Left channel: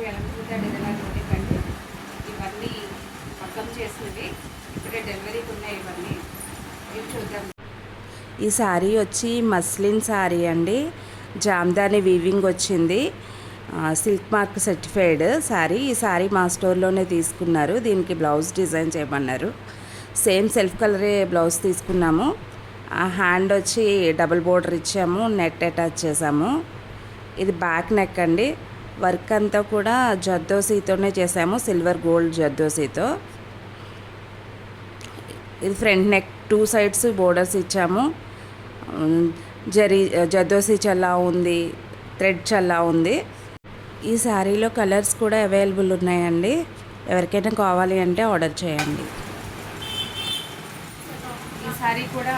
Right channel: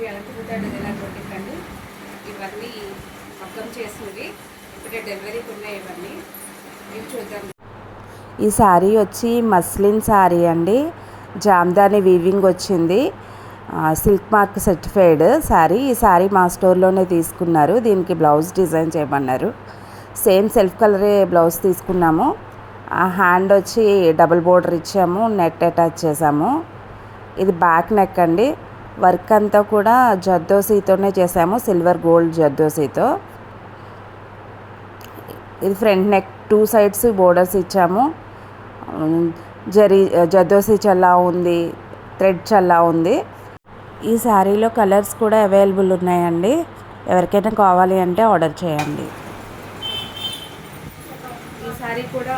Shri అనంతపుర designer boutique అండి. ఇవన్నీ మగ్గం చేసినవి, ఇప్పుడే డెలివరీకి ఉన్నాయి. ఇవన్నీ ఇవి చూద్దాం. ఈ శారీ వచ్చి మస్లిన్ శారీ అండి. జామ్దాని వీవింగ్ వచ్చింది. Silk mark certified sari. ఈ శారీ మా స్టోర్లోనే తీసుకున్నారు. దీనికి బ్లౌజ్ డిజైన్ చేయమన్నారు. సేమ్ సెల్ఫ్ కలరే బ్లౌజ్ తీసుకున్నాము. ఆ హ్యాండ్ వచ్చి డబుల్ బోర్డర్ ఇచ్చాము, నెట్ అటాచ్ చేసాము. ఇది బ్యాక్ నెక్ అండి. వర్క్ అంతా కూడా జర్దోసీతోనే చేసాము, సిల్వర్ గోల్డ్ జర్దోసీతో. ఇది ఫ్రంట్ నెక్, 2 సైడ్స్ బోర్డర్స్ ఇచ్చాము. జర్దోసీ చల్లా ఉంది, థ్రెడ్ చల్లా ఉంది. ఈ శారీలో కలర్స్ కూడా అవైలబుల్ ఉన్నాయండి. ఎవరికైనా కావాలి అంటే ఆర్డర్ చేయండి. ఈ శారీ కూడా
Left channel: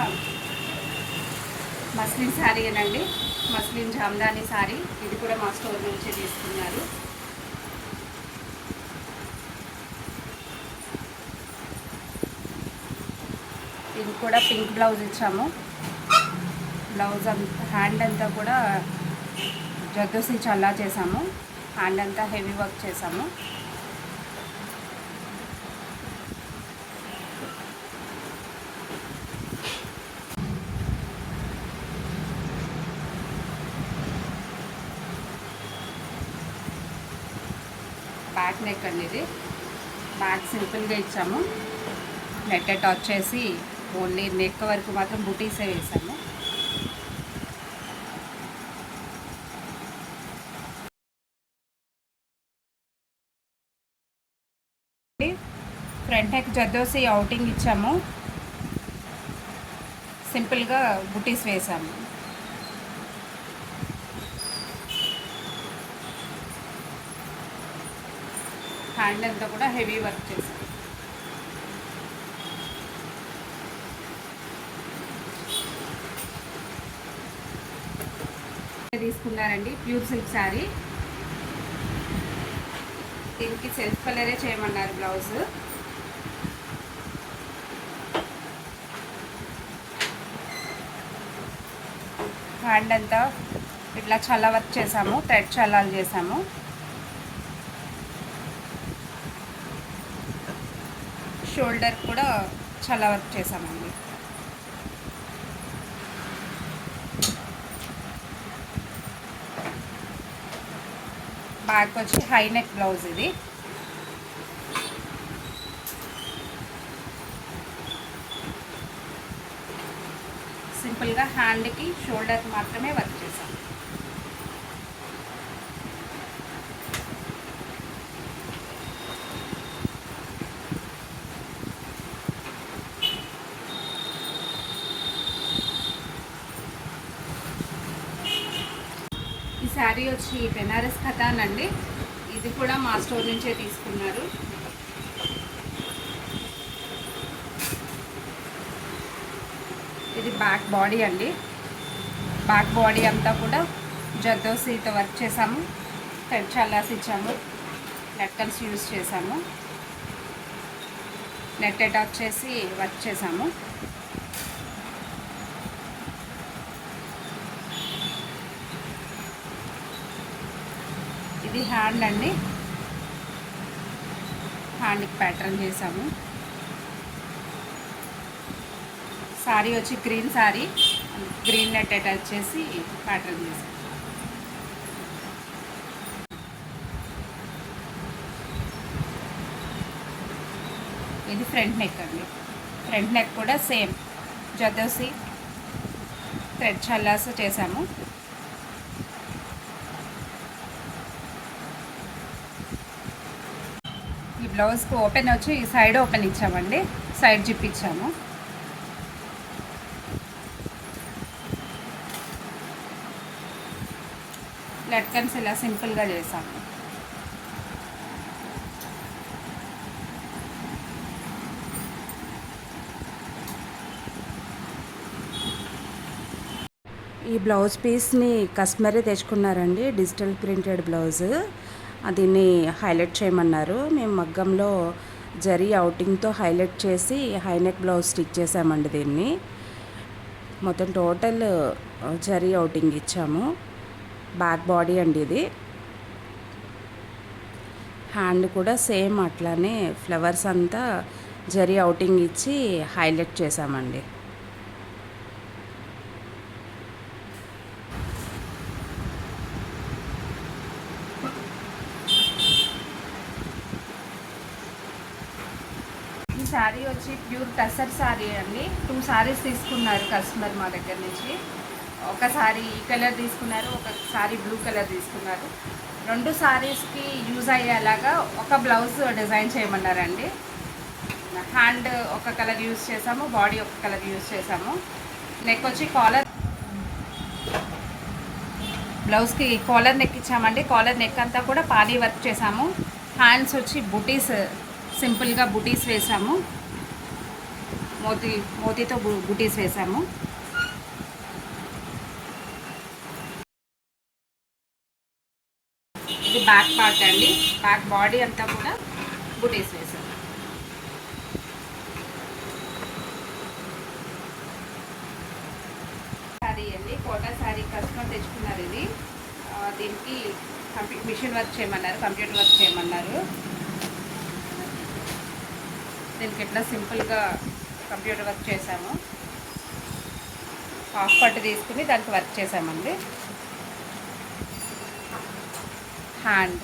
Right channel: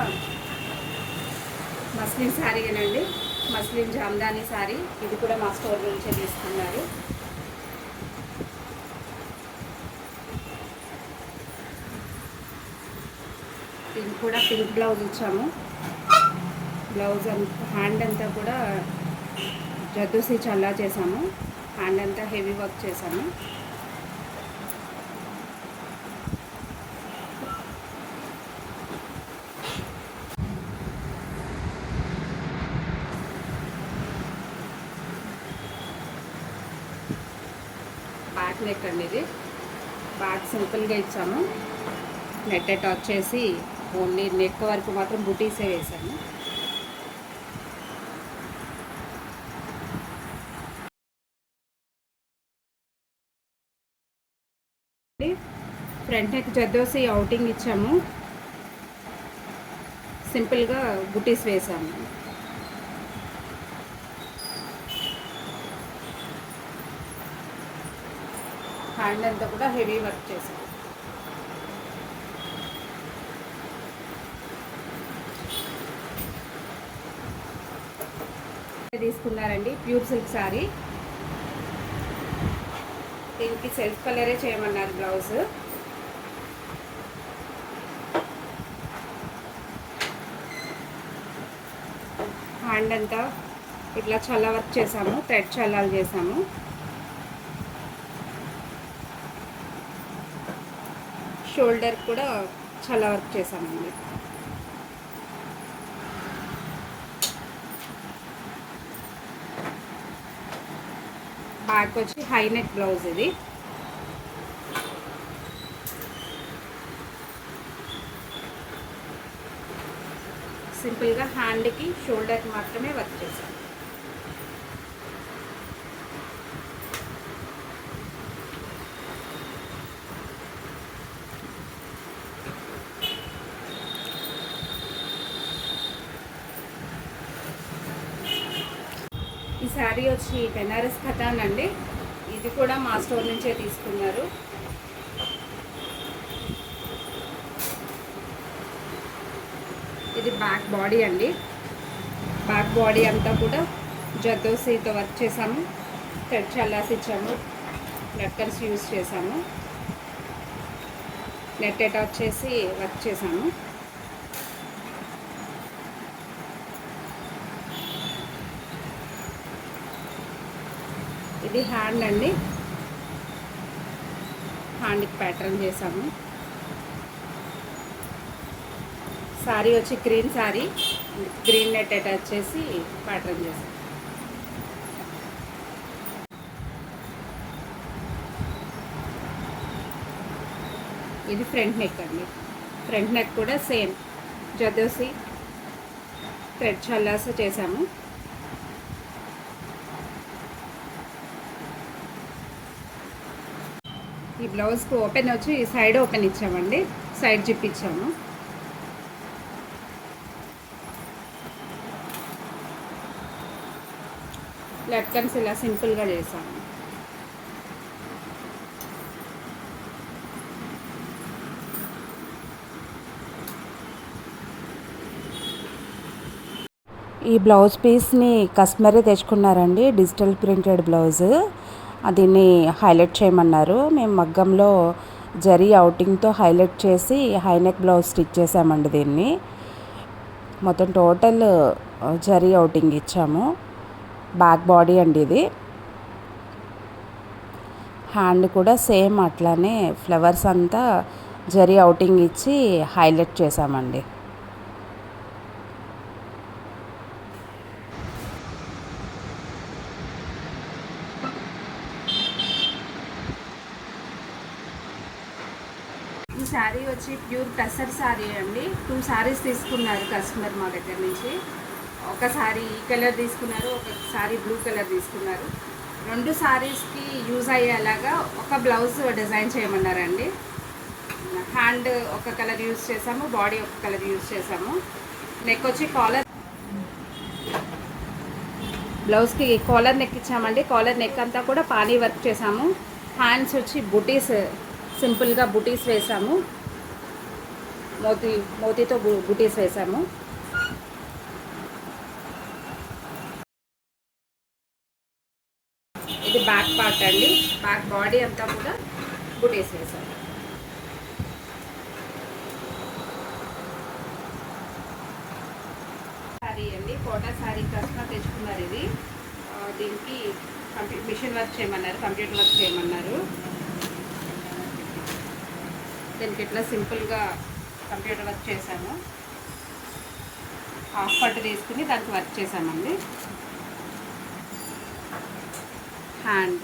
మస్లిన్ శారీనండి, మస్లిన్ జామ్దాని శారీ. ఇది కూడా మా స్టోర్ నుంచే తీసుకున్నారు. దీనికి కూడా పింక్ బ్లౌజ్ ఇచ్చాము. బ్లౌజ్ హ్యాండ్ అంతా కూడా జర్దోసీ చల్లా చేసాము. హ్యాండ్ అంతా హెవీ వర్క్ చేసాము. బ్యాక్ నెక్ అండి. ఇది బ్యాక్ సింపుల్గా ఇచ్చాము. నెట్ అటాచ్ చేసి ఓన్లీ నెక్ వరకు మాత్రం బుటీసే వేసాము. ఫ్రంట్ నెక్ జర్దోసీ అవుటింగ్ ఇచ్చాము. సింపుల్గా బుటీస్ వేసాము. హ్యాండ్ అంతా కూడా హెవీ వర్క్ చేసాము. తీసుకున్నారండి ప్యూర్ సిల్క్ శారీ. దీనికి సెల్ఫ్ కలరే చేయమన్నారు బ్లౌజ్. హ్యాండ్ అంతా ఇట్లా చల్ల వర్క్ చేసాము, థ్రెడ్ చల్లాలు చేసాము. షోల్డర్ కూడా చల్ల వర్క్ చేసామండి. బ్యాక్ వచ్చి హై నెక్ బ్లౌజ్. ఇది సింపుల్గా హ్యాండ్కి షోల్డర్కి మాత్రమే వర్క్ చేసాం. ఈ శారీ వచ్చి బెనారస్ ఖతాన్ అండి. ఇది కూడా మా స్టోర్ నుంచే తీసుకున్నారు. ఇది బ్యాక్ బాడీ అండి. బ్యాక్ బాడీ అంతా కూడా జర్దోసీతో వర్క్ చేసాము. థ్రెడ్ చల్లాస్ ఇచ్చాము, లట్కన్స్ యూజ్ చేసాము, నెట్ అటాచ్ చేసి వర్క్ చేసాము. ఇది హ్యాండ్ అండి. హ్యాండ్కి ప్యాటర్న్ చేసాము. శారీ వచ్చి green sari, green net attach చేసి ప్యాటర్న్ చేసాం. ఇది ఫ్రంట్ నెక్ అండి. ఫ్రంట్ నెక్ కూడా సేమ్ జర్దోసీ థ్రెడ్ చల్లాస చేసాము. ఈ బ్లౌజ్కి ఓపెన్ వచ్చి సైడ్ ఓపెన్ ఇచ్చామండి, సైడ్ జిప్ ఇచ్చాము. లట్కన్స్ ఇలా సింపుల్గా చేసాము. ఈ బ్లౌజ్ పీస్ని కస్టమరే తెచ్చుకున్నారండి. Digital printed blouse. దీన్ని హైలైట్ చేయమన్నారు. మేము మగ్గంలో జరీ అవుటింగ్తో హైలైట్ చేసి హైనెక్ బ్లౌజ్ స్టిచ్ చేసామండి. దీన్ని మొత్తం టోటల్ జరీ అవుటింగ్ ఇచ్చాము. బ్యాక్ బాడీ అండి ఇది. హ్యాండ్ కూడా సేమ్ అట్లానే ఫ్లవర్స్ అంతా జరీ అవుటింగ్ ఇచ్చి హైలైట్ చేసామండి. ఈ శారీ వచ్చి ప్యూర్ టసర్ శారీ అండి. 2 శారీస్ తీసుకున్నారు కస్టమర్ మా దగ్గర నుంచి. ఒక శారీ ఈ కలర్ తీసుకున్నారు, ఒక శారీ బ్లూ కలర్ తీసుకున్నారు. 2 శారీస్కి యూజ్ అయ్యేలాగా ఒక బ్లౌజ్ డిజైన్ చేయమన్నారండి. హ్యాండ్ ఒక కలర్ యూజ్ చేసాము, బాడీ ఒక కలర్ యూజ్ చేసాము. నెక్ వచ్చి కాలర్, బ్లౌజ్కి కాలర్ నెక్ ఇచ్చామండి. కాలర్ నెక్ అంతా కూడా పానీ వర్క్ చేసాము. హ్యాండ్స్ వచ్చి బుటీస్, సింపుల్గా బుటీస్ వేసాము. మోతీతో బుటీస్ వేసాము. ఇది బ్యాక్ పార్ట్ అండి. బ్యాక్ బాడీ అంతా కూడా బుటీస్ వేసాము. శారీ అండి, కోటా శారీ కస్టమర్ తెచ్చుకున్నారు. ఇది దీనికి మిషన్ వర్క్ చేయమన్నారు, కంప్యూటర్ వర్క్ చేయమన్నారు. దీనికి ఇట్లా సింపుల్గా కంప్యూటర్ వర్క్ చేసాము. హాఫ్ పట్టు తీసుకుని దానికి వర్క్ చేసామండి. హ్యాండ్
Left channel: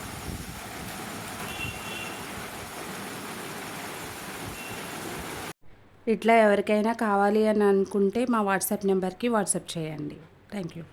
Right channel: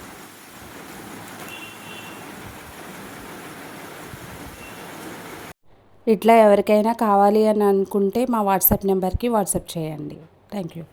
ఇట్లా ఎవరికైనా కావాలి అని అనుకుంటే మా వాట్సాప్ నెంబర్కి వాట్సాప్ చేయండి. Thank you.